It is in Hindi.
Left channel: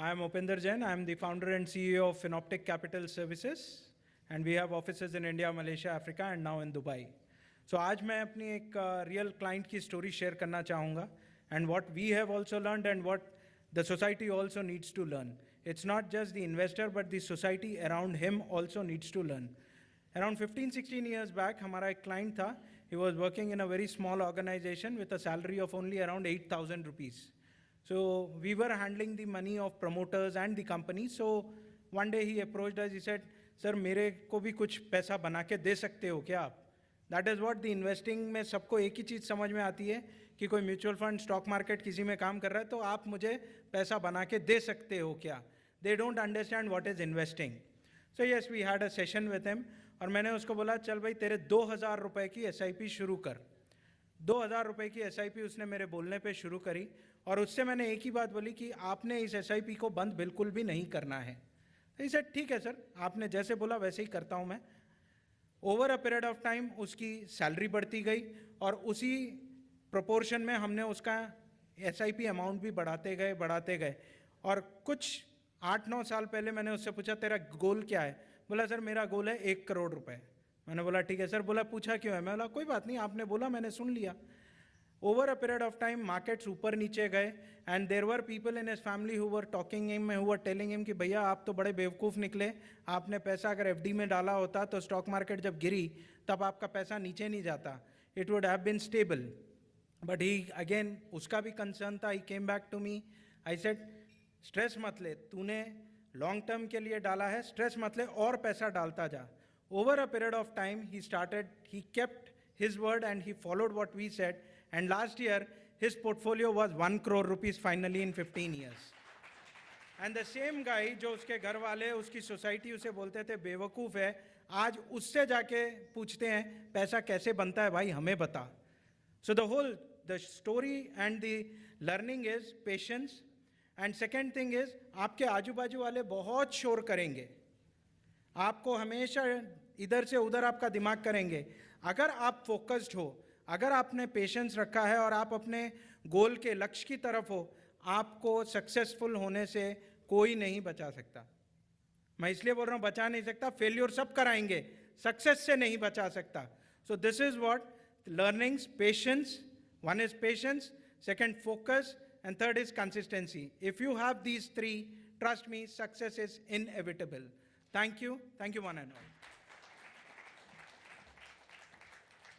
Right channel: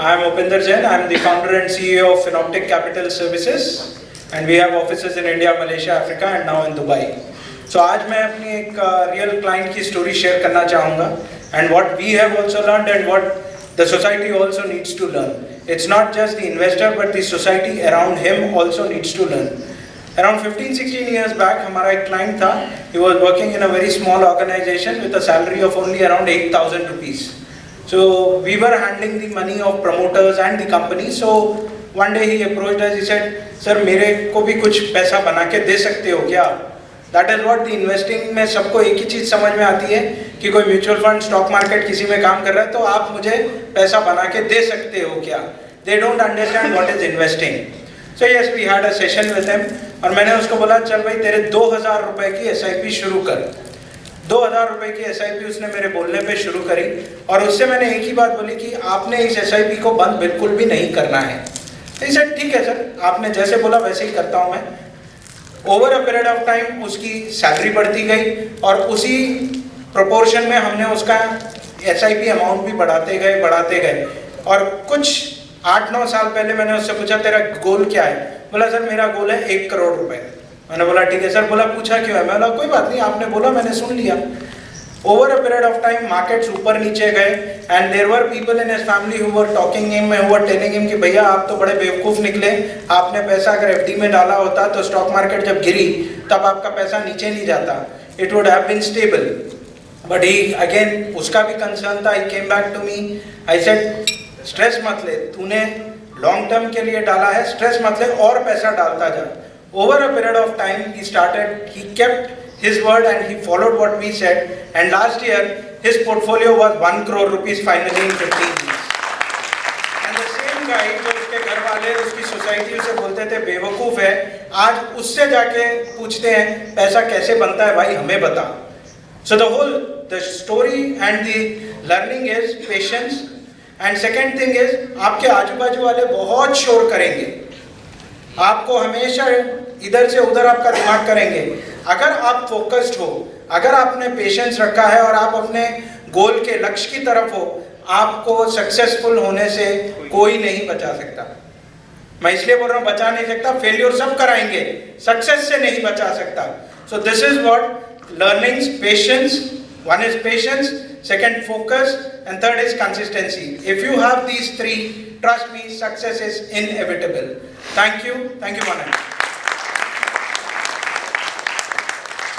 I am Upinder Jain. I am the founder and CEO of Finoptic Capital Services, and we have offices in India, Malaysia, Africa, and now in Dubai. So आज मैं अपनी एक real client की story share करना चाहूँगा, and what we have also learned and what the society also needs to learn. It's not just the investor, but the society around him also needs to learn. Around 15-16 years back, हमारा एक client था. He was working in a very small organization with a salary of only around 8,000 rupees. So we were handling the money of promoters and the company. So one day he approached us. He said, "Sir, मेरे को भी कुछ पैसा बना के दे सकते हो क्या?" That is what the investing में सबको एक ही चीज़ समझ में आती है कि कोई म्यूचुअल फंड, स्टॉक मार्केट किसी में काम कर रहा है तो आप मुझे पैसा बना के दे सकते हो क्या? They don't understand what is investing. So yes, we had a session with him. और मैंने उसको बोला, चल भाई तेरे 2,000 रुपए की SIP शुरू कर. 2,000 रुपए की SIP उसने मेरे बोलने पे शुरू करी और उससे मैंने एक ही बात बोली कि आपने इस SIP को बंद बिल्कुल भी नहीं करना है. तो सर ठीक है सर, आपने जैसे बोला वैसे ही करता हूँ मैं. Over a period of time उसकी सैलरी बढ़ती गई और उसी प्रोपोर्शन में हमने उसका SIP अमाउंट भी बढ़ाते गए और कुछ 8-9 साल पहले मैंने उससे पूछा तेरा गोल क्या है? बोला सर मेरा गोल है 1 करोड़ रुपए. मैंने बोला ठीक है सर. बोला पूछा क्यों है? मैं बोला कोई बात नहीं, आपने बोला मैंने सुन लिया. Over a period of time markets ऊपर नीचे गए and there were people in his family who were talking him, who were telling him कि भैया आप तो बड़े बेवकूफ़ निकले, आपने पैसा अगर FD में डाला होता तो स्टॉक मार्केट जब गिरी तब आपका पैसा नीचे नहीं जाता, it would have been stable. But he again उसका भी कंसर्न था. He came back to me. I said stress मत ले, तूने लॉन्ग टर्म के लिए डाला है, स्ट्रेस मत ले और पैसा डालता जा. Over a period of time, he kept his word and he followed what we said. And last year, his portfolio was 1 crore rupees finally in 15 years. And the same guy, जो उसके घर वाले उसकी सोसाइटी उसे बोलते थे बेवकूफ़ है, आज उससे जाके पूछते हैं पैसा कैसे बनता है भाई हमें बता. So the story and the learning is patience. And second thing is आपके आजू बाजू वाले बहुत शोर करेंगे, आपको हमेशा इधर से उधर आपका दिमाग करेंगे. अगर आप फोकस्ड हो, अगर आपने पेशेंस रखा है और आप अपने गोल के लक्ष्य की तरफ हो, आपको सक्सेसफुल होने से कोई नहीं बचा सकता. मैं इसलिए बोल रहा हूँ बचा नहीं सकता, फेलियर सब कराएंगे, सक्सेस से नहीं बचा सकता. So this is what learnings, patience. One is patience, second focus, and third is consistency. If you have these three, trust me, success is inevitable. Thank you, Manan.